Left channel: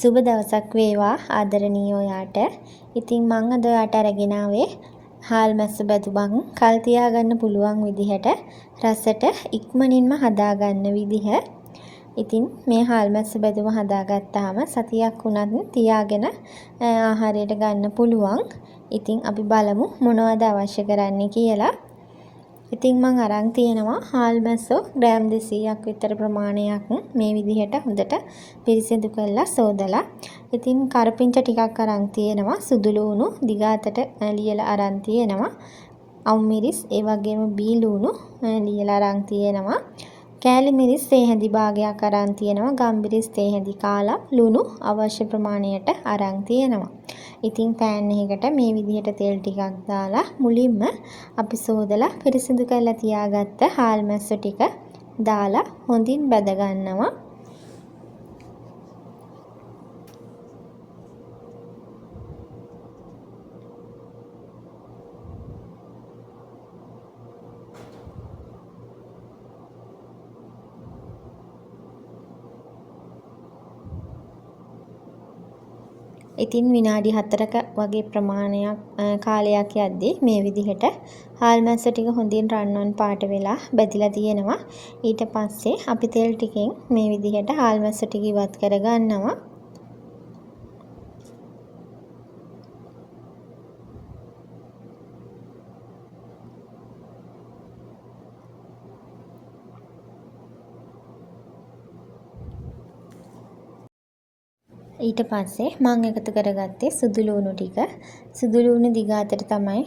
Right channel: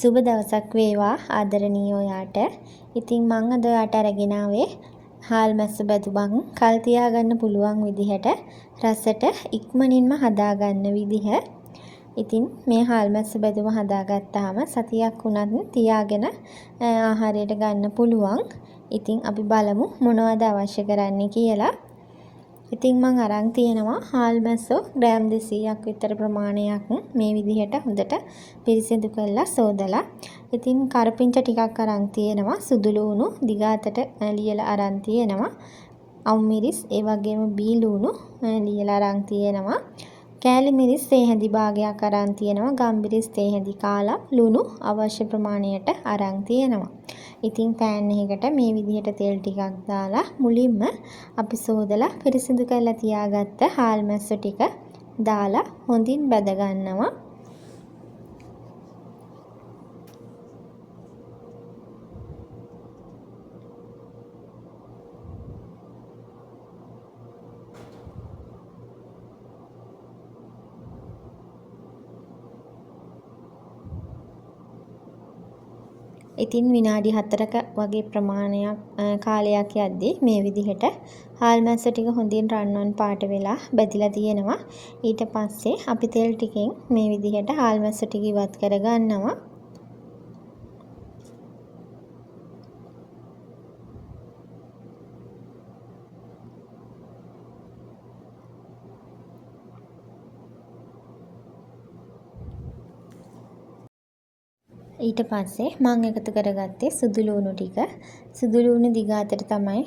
සුබ දවසක් වේවා ආදරණීය ඔයාට. ඉතින් මම අද ඔයාට අරගෙන ආවේ හාල් මැස්ස බැදුමක් කල් තියාගන්න පුළුවන් විදිහට රසට ඉක්මනින්ම හදාගන්න විදිහ. ඉතින් මේ හාල් මැස්ස බැදුම හදාගත්තාම සතියක් වුණත් තියාගෙන ආහාරයට ගන්න පුළුවන්. ඉතින් අපි බලමු මොනවද අවශ්‍ය කරන්නේ කියලා. ඉතින් මම අරන් තියෙනවා හාල් මැස්සෝ ග්‍රෑම් 200ක් විතර ප්‍රමාණයක් මේ විදිහට හොඳට පිරිසිදු කරලා සෝදලා. ඉතින් කරපිංචා ටිකක් අරන් තියෙනවා, සුදු ලුණු දිගාතට ලියලා අරන් තියෙනවා, අවු මිරිස් ඒ වගේම බී ලුණු ලියලා අරන් තියෙනවා, කෑලි මිරිස් තේහැඳි භාගයක් අරන් තියෙනවා, ගම්මිරිස් තේහැඳි කාලා ලුණු අවශ්‍ය ප්‍රමාණයට අරන් තියෙනවා. ඉතින් පෑන් එකකට මේ විදිහට තෙල් ටිකක් දාලා මුලින්ම අපි සෝදලා පිරිසිදු කරලා තියාගත්ත හාල් මැස්ස ටික දාලා හොඳින් බැද ගන්නවා. ඉතින් විනාඩි 4ක වගේ ප්‍රමාණයක් කාලයක් යද්දී මේ විදිහට හාල් මැස්ස ටික හොඳින් රන්වන් පාට වෙලා බැදිලා තියෙනවා. ඊට පස්සේ අපි තෙල් ටිකෙන් මේ විදිහට හාල් මැස්ස ටික ඉවත් කර ගන්නවා. ඊට පස්සේ මම එකතු කරගත්තේ සුදු ලුණු ටික. සුදු ලුණු දිගාතට තමයි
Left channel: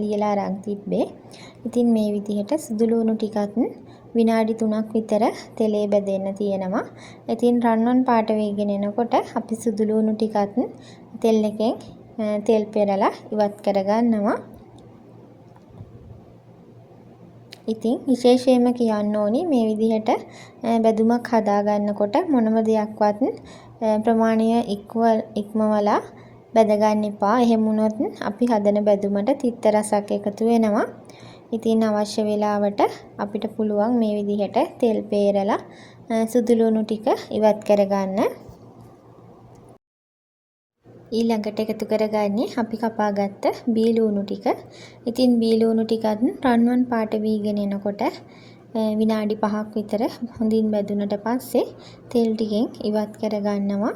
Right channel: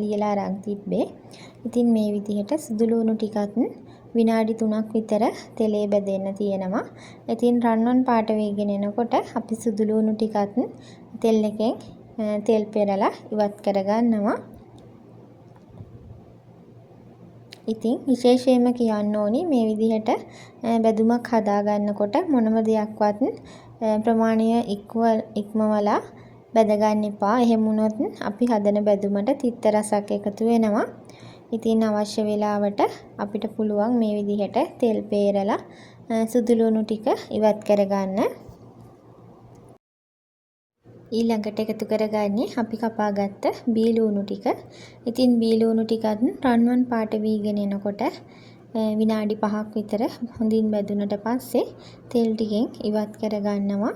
ලියලා අරන් තිබ්බේ. ඉතින් මේ විදිහට සුදු ලුණු ටිකත් විනාඩි 3ක් විතර තෙලේ බැදෙන්න තියෙනවා. ඉතින් රන්වන් පාට වේගෙන එනකොට අපි සුදු ලුණු ටිකත් තෙල් එකෙන් තෙල් පෙරලා ඉවත් කරගන්නවා. ඉතින් විශේෂයෙන්ම කියන්න ඕනි මේ විදිහට බැදුමක් හදා ගන්නකොට මොනම දෙයක්වත් ප්‍රමාණය ඉක්මවලා බැද ගන්න එපා. එහෙම වුණොත් අපි හදන බැදුමට තිත්ත රසක් එකතු වෙනවා. ඉතින් අවශ්‍ය වෙලාවට අපිට පුළුවන් මේ විදිහට තෙල් පෙරලා සුදු ලුණු ටික ඉවත් කරගන්න. ඊළඟට එකතු කරගන්නේ අපි කපාගත්ත බී ලුණු ටික. ඉතින් බී ලුණු ටිකත් රන්වන් පාට වීගෙන එනකොට විනාඩි 5ක් විතර හොඳින් බැදුනට පස්සේ තෙල් ටිකෙන් ඉවත් කරගන්නවා.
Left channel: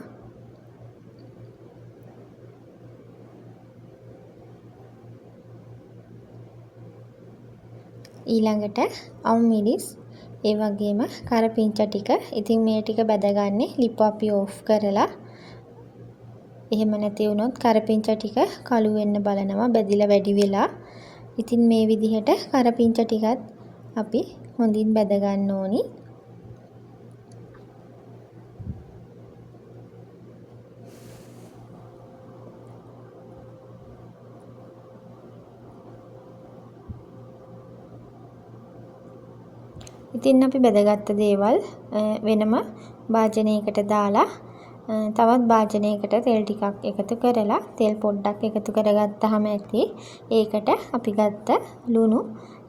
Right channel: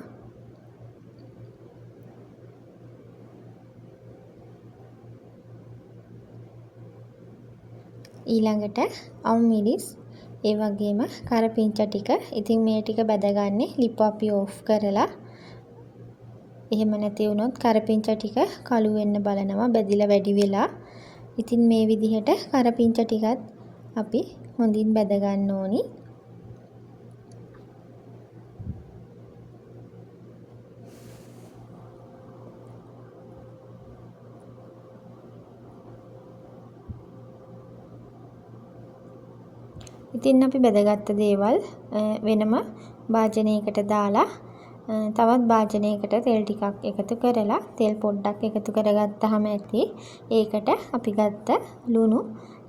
ඊළඟට අවු මිරිස් ඒ වගේම කරපිංචා ටික. ඉතින් මේ ටික බැදගන්නේ ලිප අපි ඕෆ් කරලා. එහෙම නැති වුණොත් කරපිංචා ටික කළු වෙන්න බලනවා බැදිලා වැඩි වෙලා. ඉතින් මේ විදිහට කරපිංචා ටිකත් අපි හොඳින් බැද ගන්න ඕනි. ඉතින් අපි බැදගත්ත දේවල් වෙනම භාජනයකට දාලා තවත් භාජනයකට තෙල් ටිකක් එකතු කරලා තෙල් පොඩ්ඩක් එකතු කරගත්තාම ඇති. ඒකට අපි ගත්ත ලුණු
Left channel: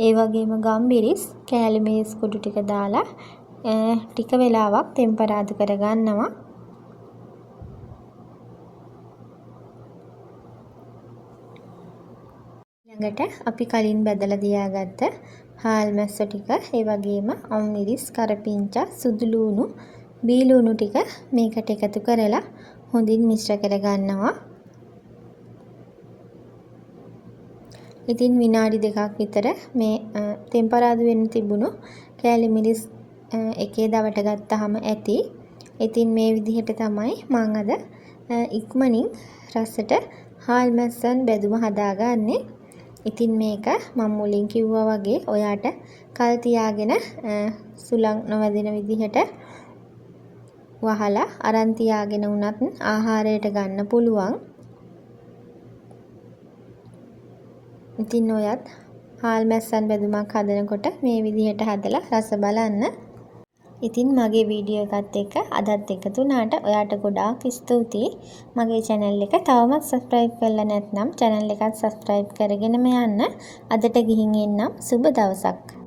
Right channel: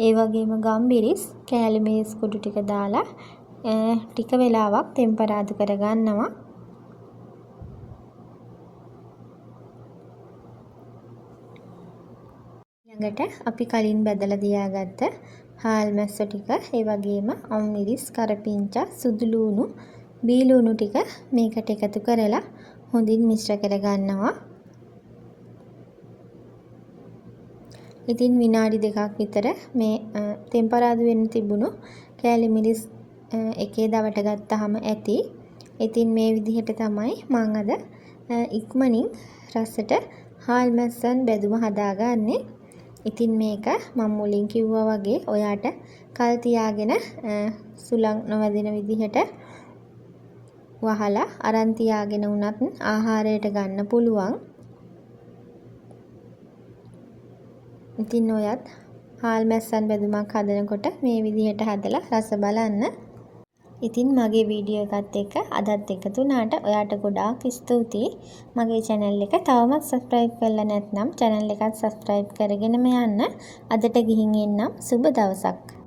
ඒ වගේම ගම්මිරිස් කෑලි මිරිස් කුඩු ටික දාලා ටික වෙලාවක් ටෙම්පරාදු කරගන්නවා. ඊළඟට අපි කලින් බැදලා තියාගත්ත හාල් මැස්ස ටික ඒ වගේම අවු මිරිස් කරපිංචා සුදු ලුණු බී ලුණු ටික මේකට එකතු කරලා හොඳින් මිශ්‍ර කරගන්නවා. ඉතින් විනාඩි 2ක් විතර මේ ටෙම්පරාදු වෙන්න තිබුණු කෑලි මිරිස් එකේ දවට ගත්තාම ඇති. ඉතින් මේ විදිහට තමයි මම අද ඉක්මනින් රසට හාල් මැස්සන් බැදුම හදාගන්නේ. ඉතින් මේක මම මුලින් කිව්වා වගේ ඔයාට කල් තියාගෙන සුළං නොවැදෙන විදිහට වහලා අරන් තියාගෙන උනත් ආහාරයට ගන්න පුළුවන්. ඉතින් ඔයත් හාල් මැස්සන් බැදුමක් හදනකොට මේ විදිහට හදලා රස බලන්න. ඉතින් මගේ වීඩියෝ එකත් එක්ක අදත් එකතු වුණාට ඔයාට ගොඩාක් ස්තුතියි. මගේ channel එක තවමත් subscribe කරලා නැත්නම් channel එකත් subscribe කරගෙනම යන්න. අදට ගිහින් එන්නම්. සුබ දවසක්.